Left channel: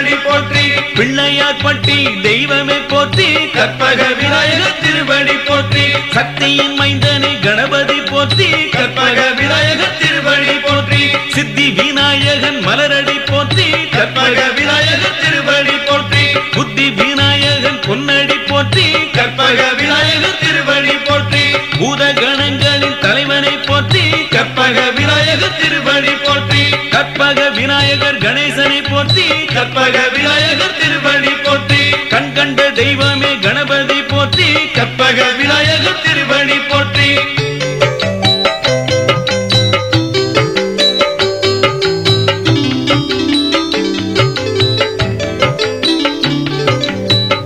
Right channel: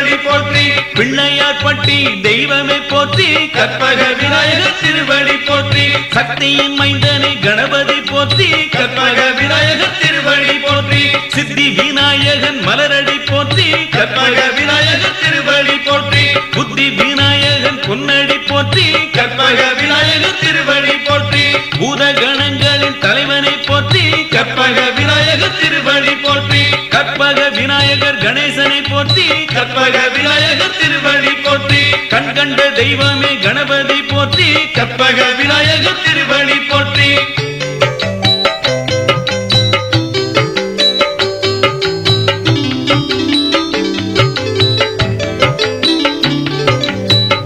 திருவடி போற்றி. பிள்ளையார் பட்டி தெய்வமே போற்றி. கற்பக விநாயகர் திருவடி போற்றி. சக்தியின் மைந்தனை கணபதி போற்றி. கற்பக விநாயகர் திருவடி போற்றி. சித்தி விநாயகன் மலரடி போற்றி. கற்பக விநாயகர் திருவடி போற்றி. புத்தி விநாயகன் பொன்னடி போற்றி. கற்பக விநாயகர் திருவடி போற்றி. பூதகணங்களின் தலைவனை போற்றி. கற்பக விநாயகர் திருவடி போற்றி. கற்பக விநாயகர் கணேசனை போற்றி. கற்பக விநாயகர் திருவடி போற்றி. கண் கண்ட தெய்வமே கணபதி போற்றி. கற்பக விநாயகர் திருவடி போற்றி.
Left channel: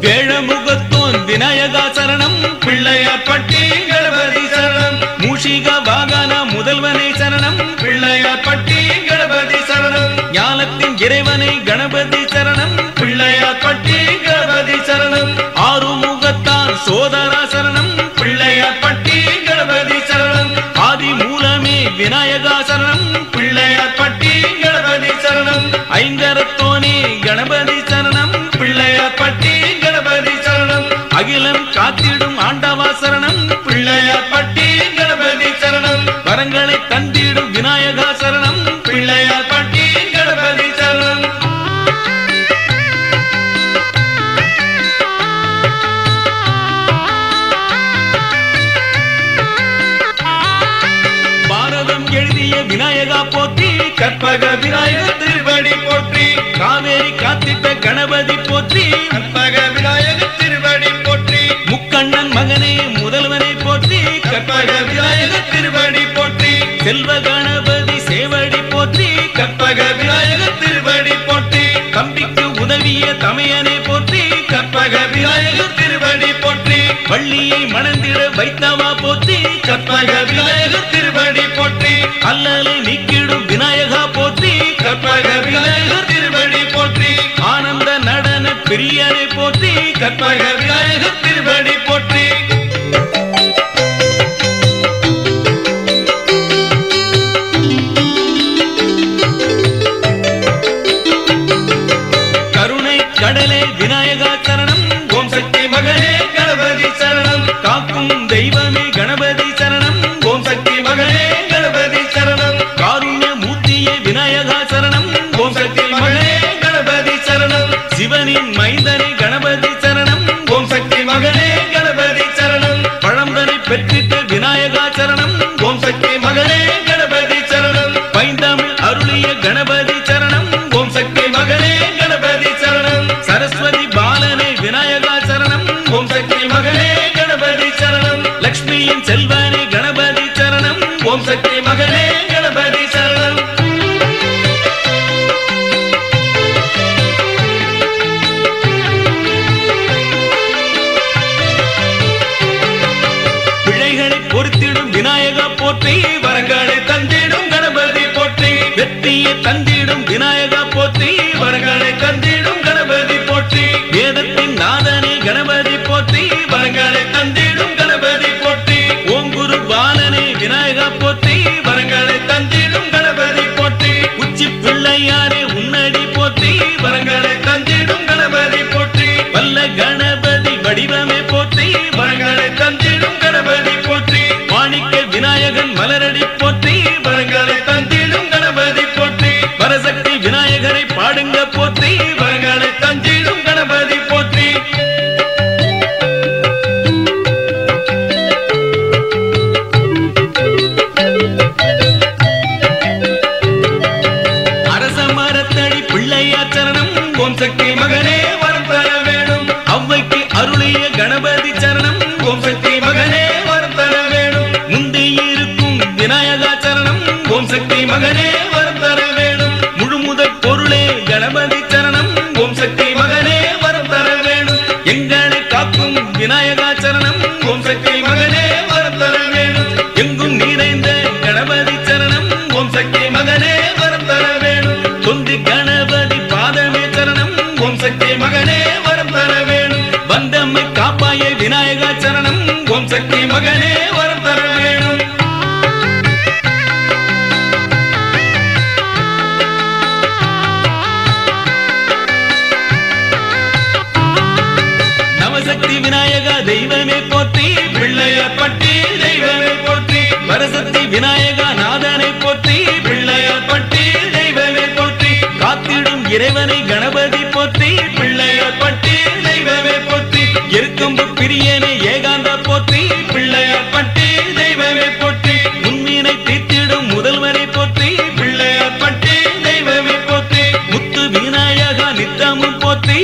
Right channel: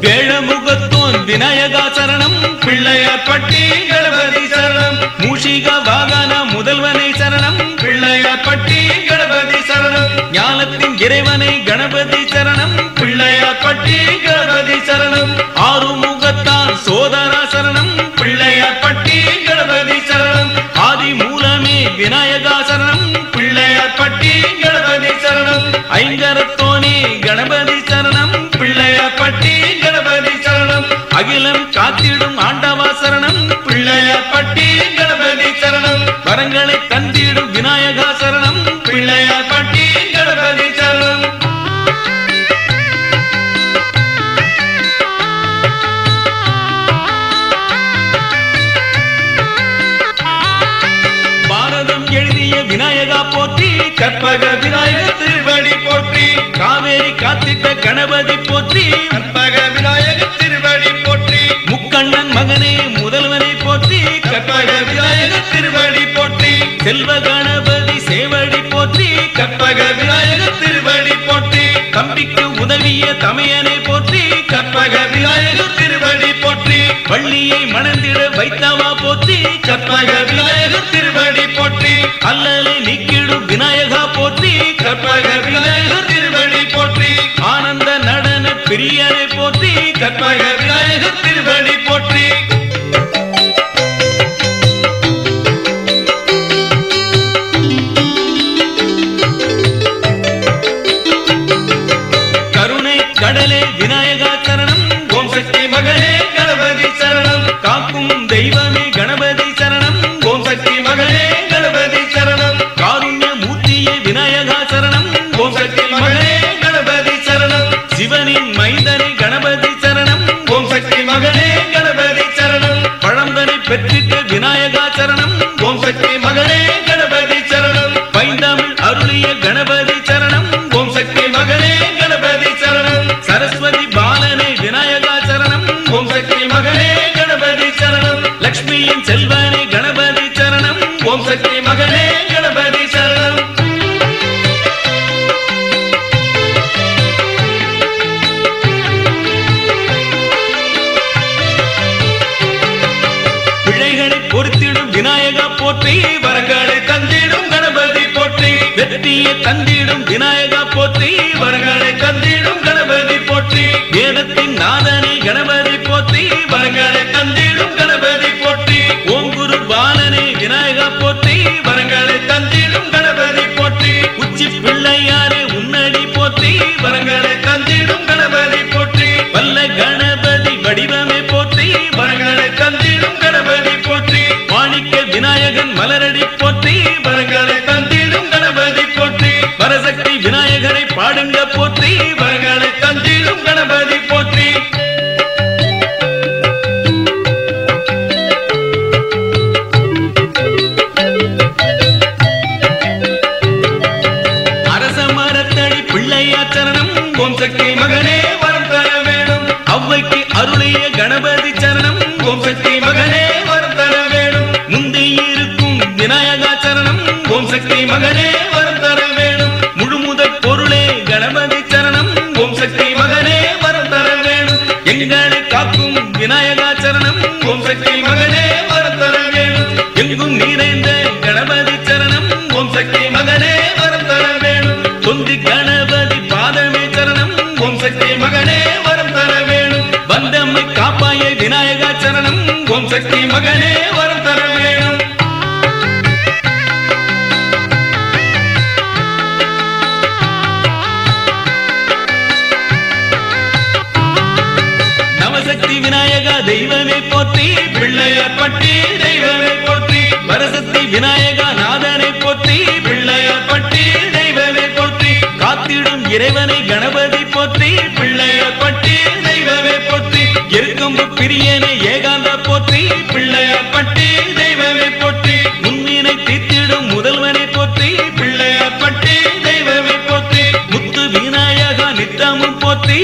வேழமுகத்தோன் விநாயகா சரணம். பிள்ளையார் பட்டி கணபதி சரணம். மூஷிக வாகன முதல்வனை சரணம். பிள்ளையார் பட்டி கணபதி சரணம். ஞானத்தின் இறைவனை கணபதி சரணம். பிள்ளையார் பட்டி கணபதி சரணம். ஆறுமுகத்தான் சோதரா சரணம். பிள்ளையார் பட்டி கணபதி சரணம். ஆதி மூலமே விநாயகா சரணம். பிள்ளையார் பட்டி கணபதி சரணம். ஐங்கரத்தோனே கணபதி சரணம். பிள்ளையார் பட்டி கணபதி சரணம். அகிலம் காத்திடும் ஆண்டவா சரணம். பிள்ளையார் பட்டி கணபதி சரணம். வரங்களை தந்திடும் விநாயகா சரணம். பிள்ளையார் பட்டி கணபதி சரணம். பாரதம் எழுதிய விநாயகா போற்றி. கற்பக விநாயகர் திருவடி போற்றி. காவேரி காத்திட்ட கணபதி போற்றி. கற்பக விநாயகர் திருவடி போற்றி. முக்கண்ணன் மகனே முதல்வனை போற்றி. கற்பக விநாயகர் திருவடி போற்றி. செல்வ கணபதி சேவடி போற்றி. கற்பக விநாயகர் திருவடி போற்றி. தம்பிக்கு உதவிய தமையனை போற்றி. கற்பக விநாயகர் திருவடி போற்றி. வள்ளியை மணந்திட வைத்தவா போற்றி. கற்பக விநாயகர் திருவடி போற்றி. அல்லலை நீக்கிடும் விநாயகா போற்றி. கற்பக விநாயகர் திருவடி போற்றி. ஆனந்த நடன பிரியனை போற்றி. கற்பக விநாயகர் திருவடி போற்றி. கருணை கடலே விநாயகா சரணம். ஓம் சக்தி மகனே கணபதி சரணம். காக்கும் தெய்வமே கணபதி சரணம். ஓம் சக்தி மகனே கணபதி சரணம். காருண்ய மூர்த்தியே விநாயகா சரணம். ஓம் சக்தி மகனே கணபதி சரணம். சிவனின் மைந்தனை கணபதி சரணம். ஓம் சக்தி மகனே கணபதி சரணம். பழம்பனை பெற்றிட்ட விநாயகா சரணம். ஓம் சக்தி மகனே கணபதி சரணம். பைந்தமிழ் அருளிய கணபதி சரணம். ஓம் சக்தி மகனே கணபதி சரணம். சரஸ்வதி பாலனை விநாயகா சரணம். ஓம் சக்தி மகனே கணபதி சரணம். லக்ஷ்மியின் செல்வனை கணபதி சரணம். ஓம் சக்தி மகனே கணபதி சரணம். பிள்ளைகளை பொறுத்திடும் விநாயகா போற்றி. வரங்களை தந்திடும் கணபதி போற்றி. வெற்றியை தந்திடும் விநாயகா போற்றி. வரங்களை தந்திடும் கணபதி போற்றி. வேதத்தின் நாதனை கணபதி போற்றி. வரங்களை தந்திடும் கணபதி போற்றி. ஓம் குரு பாலனை விநாயகா போற்றி. வரங்களை தந்திடும் கணபதி போற்றி. உச்சி பிள்ளையாரே உன்னடி போற்றி. வரங்களை தந்திடும் கணபதி போற்றி. வல்ல கணபதி வடிவமே போற்றி. வரங்களை தந்திடும் கணபதி போற்றி. மாணிக்க விநாயகன் மலரடி போற்றி. வரங்களை தந்திடும் கணபதி போற்றி. வரசக்தி விநாயகரை பாடுங்க போற்றி. வரங்களை தந்திடும் கணபதி போற்றி. அரச மரத்தடி பிள்ளையார் சரணம். ஓம் சக்தி மகனே வரம் தர வேணும். அவ்வைக்கு அருளிய கணபதி சரணம். ஓம் சக்தி மகனே வரம் தர வேணும். முந்தி இருக்கும் விநாயகா சரணம். ஓம் சக்தி மகனே வரம் தர வேணும். முழுமுதற் பொருளே கணபதி சரணம். ஓம் சக்தி மகனே வரம் தர வேணும். எங்களை காக்கும் விநாயகா சரணம். ஓம் சக்தி மகனே வரம் தர வேணும். எங்கும் நிறைந்த கணபதி சரணம். ஓம் சக்தி மகனே வரம் தர வேணும். தொந்தி கணபதி பாதமே சரணம். ஓம் சக்தி மகனே வரம் தர வேணும். வந்தம்மை காப்பாய விநாயகா சரணம். ஓம் சக்தி மகனே வரம் தர வேணும். கணபதி போற்றி பிள்ளையார் பட்டி தெய்வமே போற்றி எருக்கம்பு பிரியனே ஏகாந்த போற்றி பிள்ளையார் பட்டி தெய்வமே போற்றி முன்னினை தீர்த்திடும் முதல்வனை போற்றி பிள்ளையார் பட்டி தெய்வமே போற்றி முத்து விநாயகா நித்தமும் போற்றி